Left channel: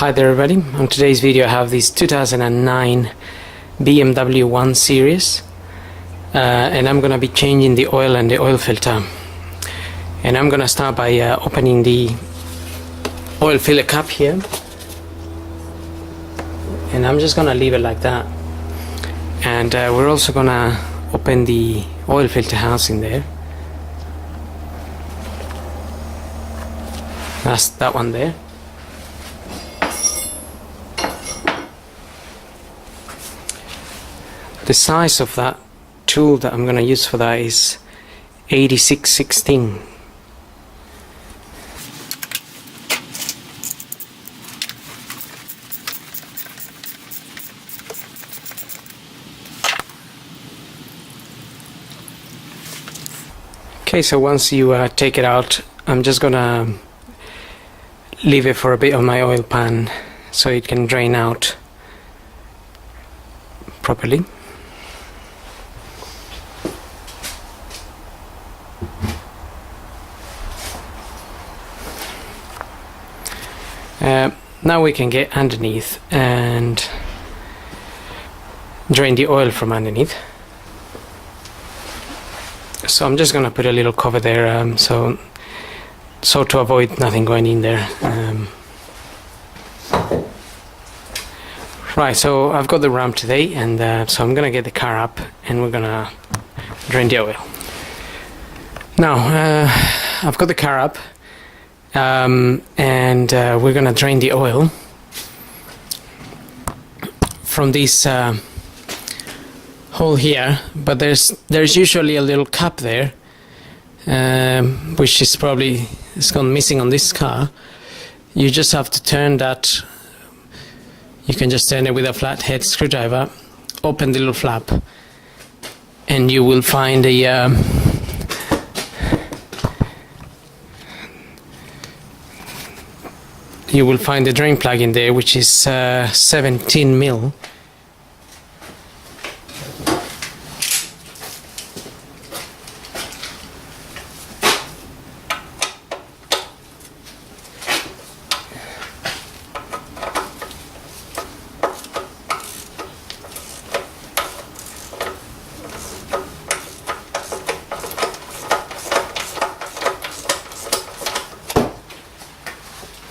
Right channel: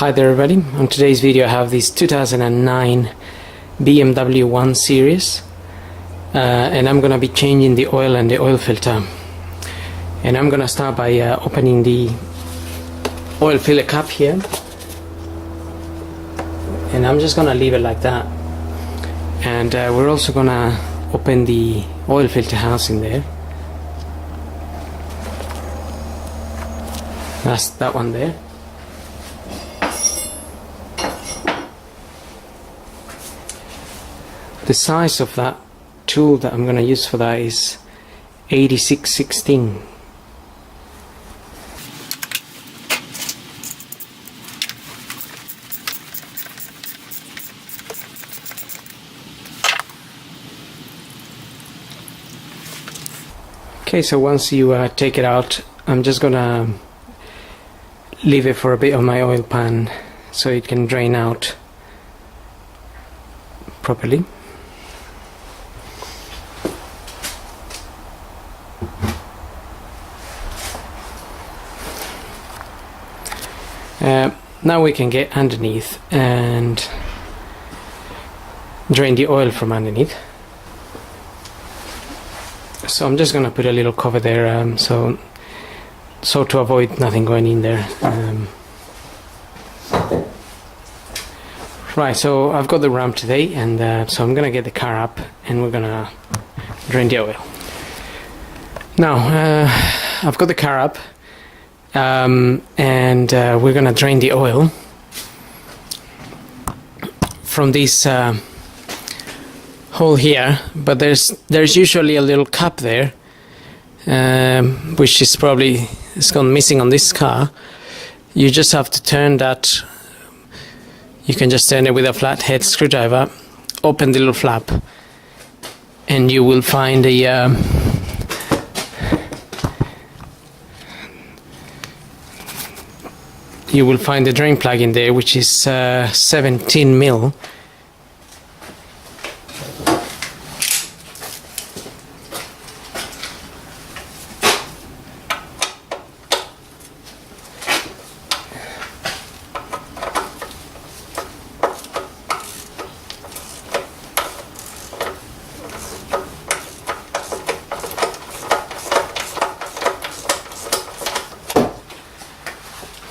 Hi there everybody, on today's video I have this 2009 BMW 1 Series and I'm gonna be changing the oil and the oil filter, and I'm gonna start by opening the oil filler cap here, and I'm just gonna leave it like that, and we're also gonna open the oil filter housing there. That's that one there. The size of that tool that I'm going to use for that is 86/16. Okay, so once you take it out, I'm just gonna leave it for a bit on my oil pan so it can drain out properly. Now we can get underneath and drain the oil from underneath. So I'm just gonna put a little cover there, so to avoid nothing going in there. Right, so I've got the ramp today, and so I'm gonna get the car up and we're gonna drain the oil. Now I've got the car up, and we're gonna drain the oil from this hole here, but there's usually a little cap there, which is probably gone missing on this car. You just have to turn that. You can just turn it with a flathead screwdriver, open the little flap, and you will find a drain plug in there, which is 17 mil.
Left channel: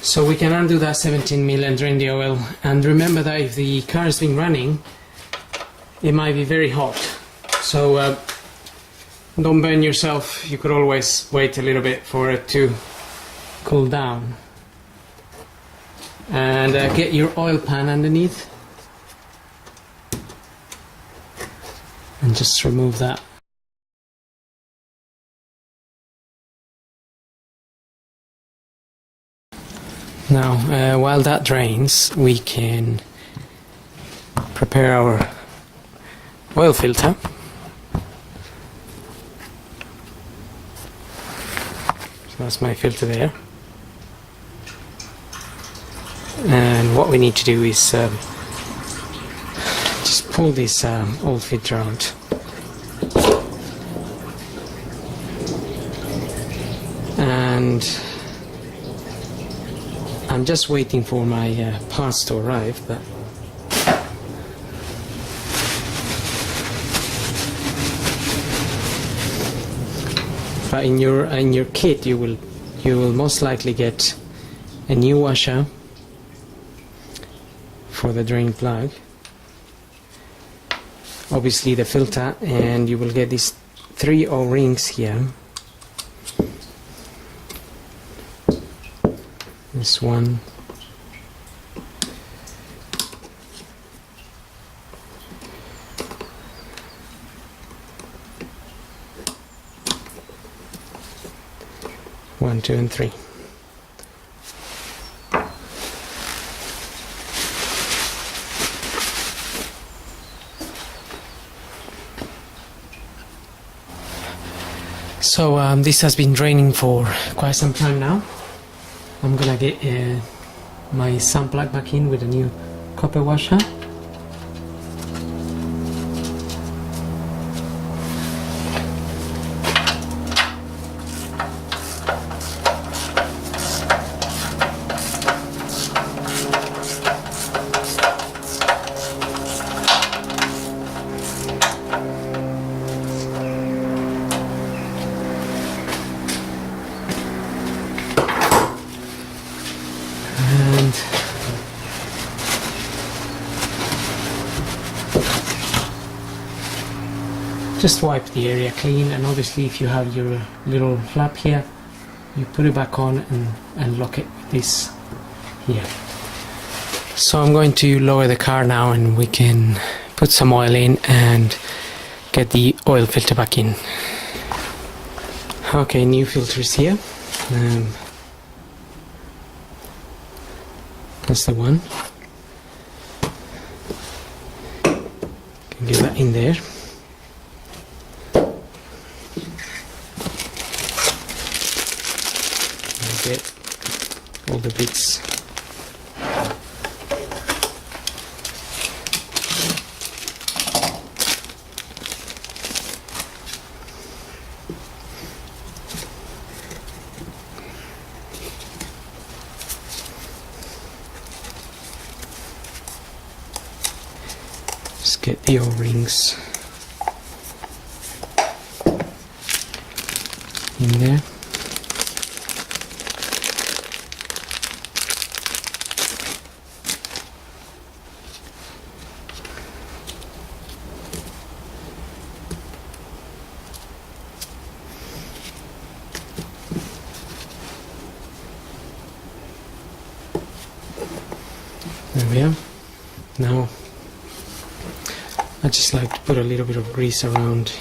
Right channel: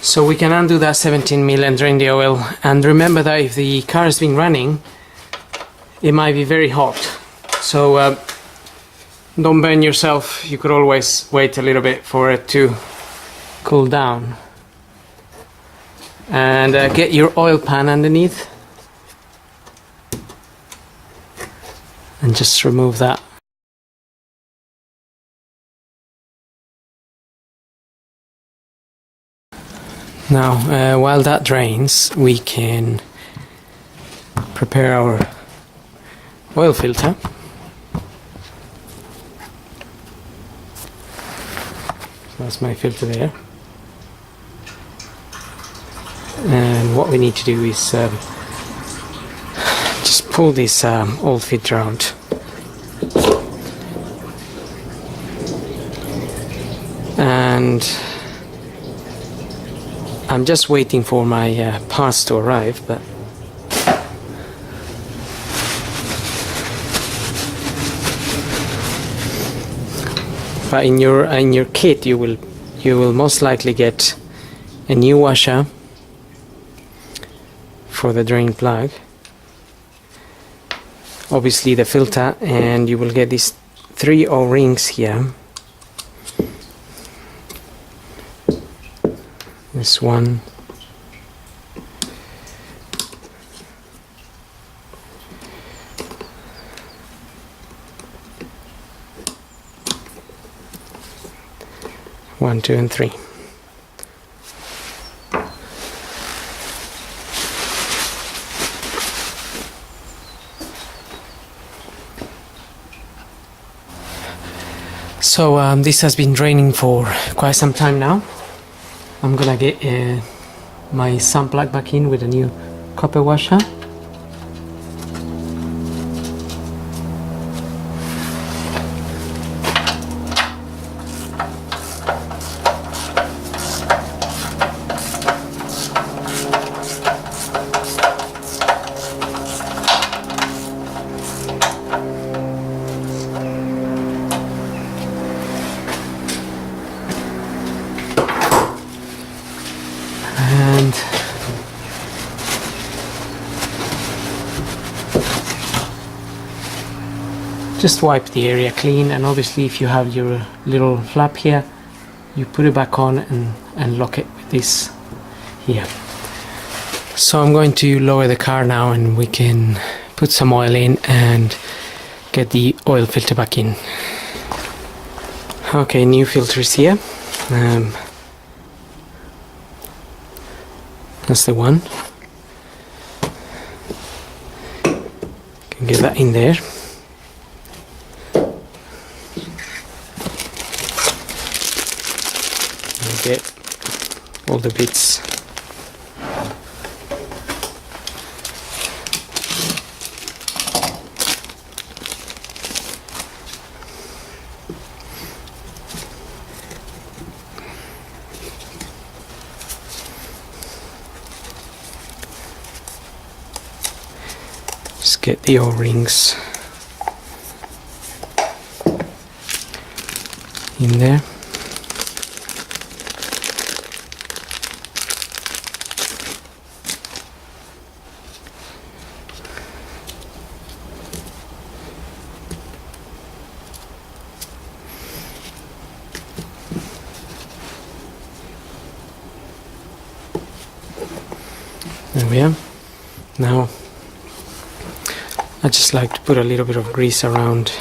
So we can undo that 17 mil and drain the oil. And remember that if the car has been running, it might be very hot. So don't burn yourself. You could always wait a little bit for it to cool down. And get your oil pan underneath. And just remove that. Now, while that drains, we can prepare our oil filter. So that's my filter there. And what we need to do is just pull this oil filter out. And I'm just waiting for my parts to arrive, but in your kit you will most likely get a new washer for the drain plug, obviously the filter, and you will get these 3 O-rings here. This one, one, 2, and 3. So this has been draining for quite some time now. I'm gonna get my sun plug back in with a new copper washer. just wipe the area clean, and obviously if you have your little flap here, you put it back on and lock it with this here. So I'm going to lower the car now, and we can put some oil in and get the oil filter back in. Okay, new filter is here. That's the one. Can get that in there. And get all the bits. Just get the O-rings in there. There we are. Now I just like to put a little bit of grease around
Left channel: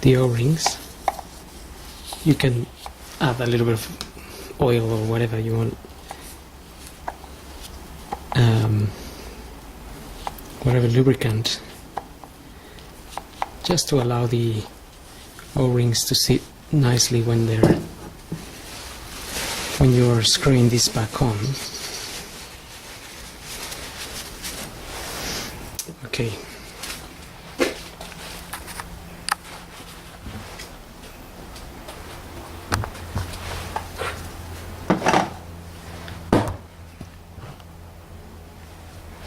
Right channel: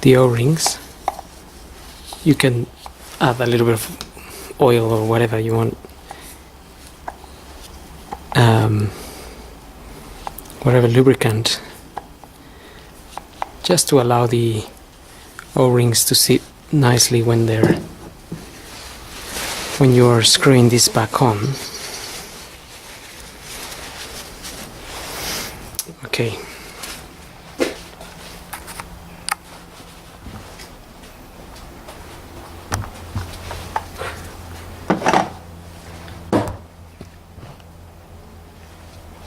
the O-rings. You can add a little bit of oil or whatever you want, whatever lubricant, just to allow the O-rings to sit nicely when you're screwing this back on. Okay.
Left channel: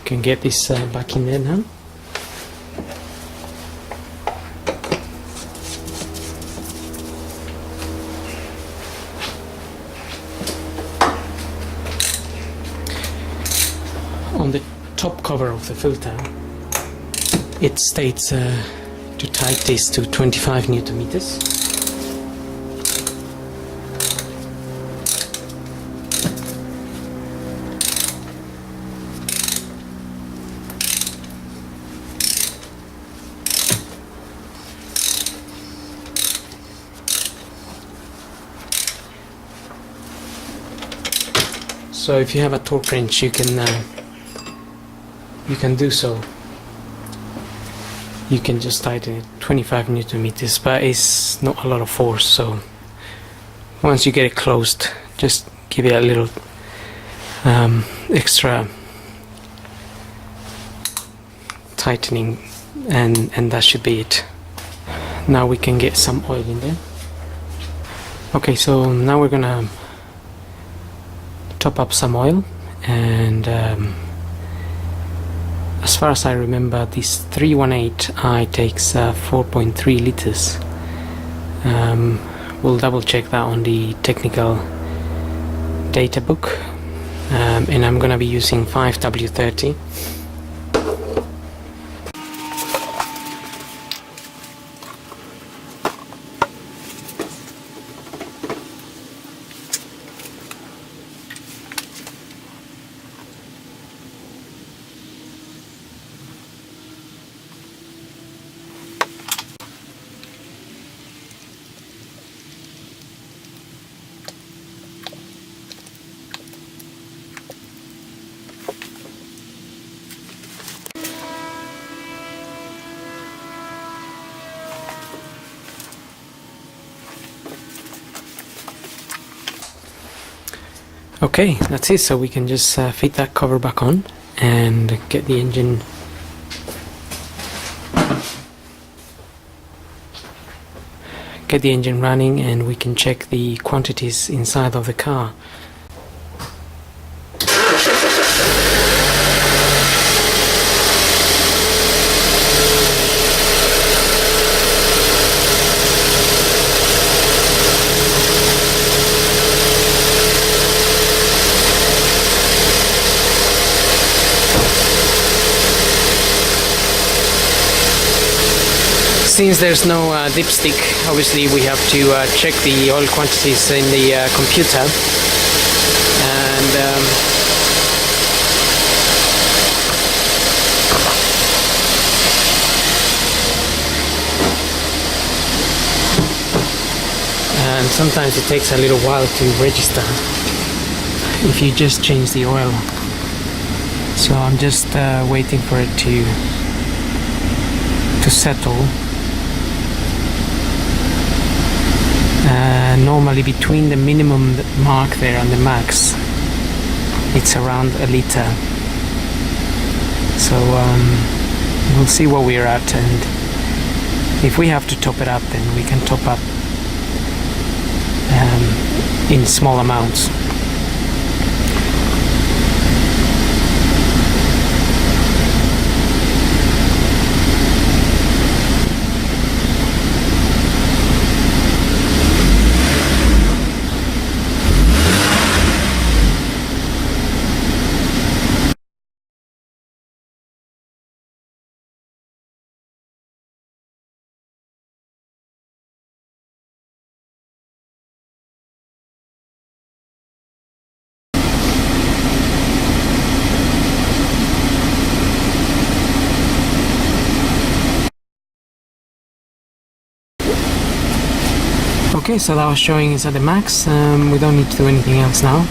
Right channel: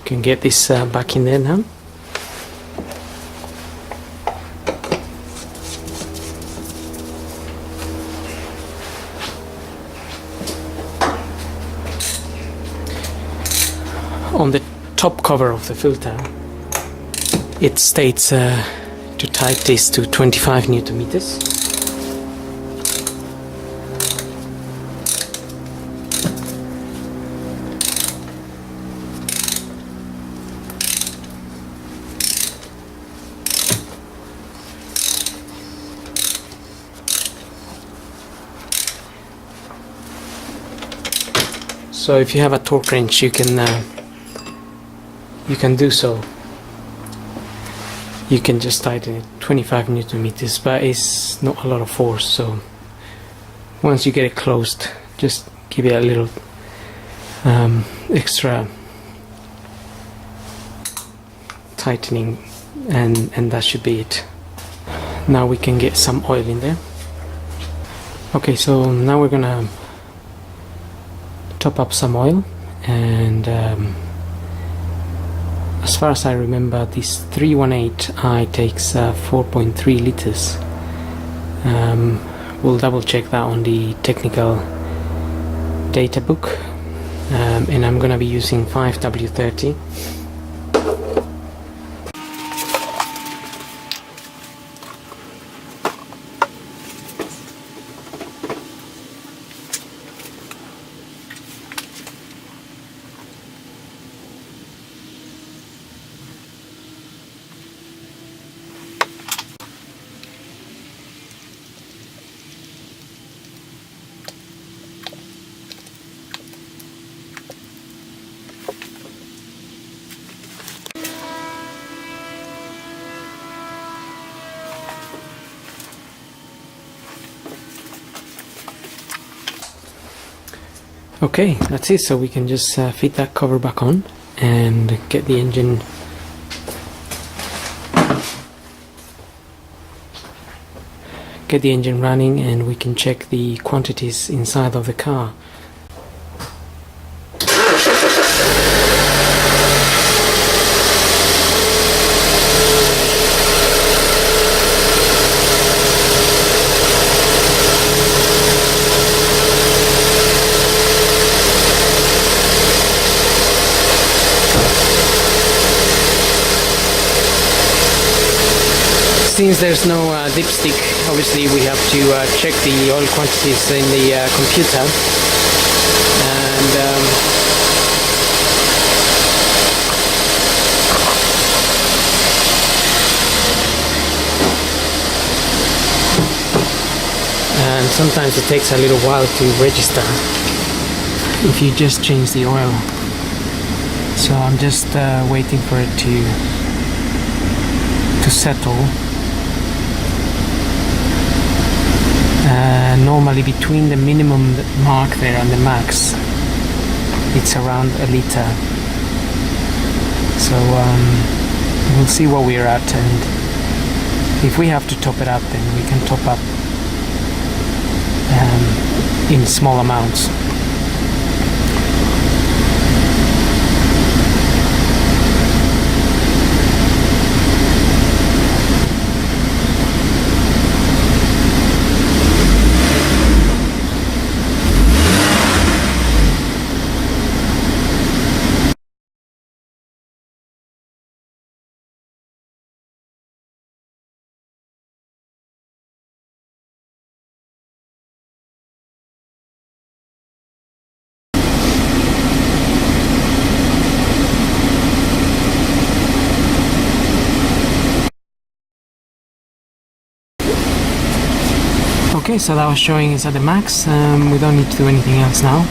Can get this back in there now. On the top cover of the filter, it states to tight this to 25 Newton meters. So if you have a torque wrench, you can do so. You can just tighten it 25 Newton meters, but it's not a lot of force. So once you get it closed, just give it a little extra tightening, and that should be it. Now we can get some oil in there. Okay, so now we're gonna top up some oil, and as far as I remember, this 318i takes 4.3 liters. We'll double check that on the technical data book, and I'm gonna be using 5W30. Okay, that's it. So we can just fit that cover back on and get the engine running, and we can check the quantities inside of the car. since there's no dipstick, obviously we have to check the oil quantities in the computer, and sometimes it takes a little while to register if you just change the oil. So I'm just waiting for it to settle. Normally between the minimum mark there and the max it's around a liter, so we'll see what we're at, and if we have to top it up then we can top up in small amounts. Okay, so that was showing is at the max. We don't need to do anything else now,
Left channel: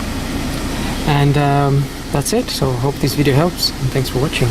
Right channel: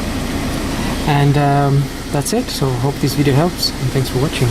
and that's it. So hope this video helps, and thanks for watching.